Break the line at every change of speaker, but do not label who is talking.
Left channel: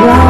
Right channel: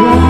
you.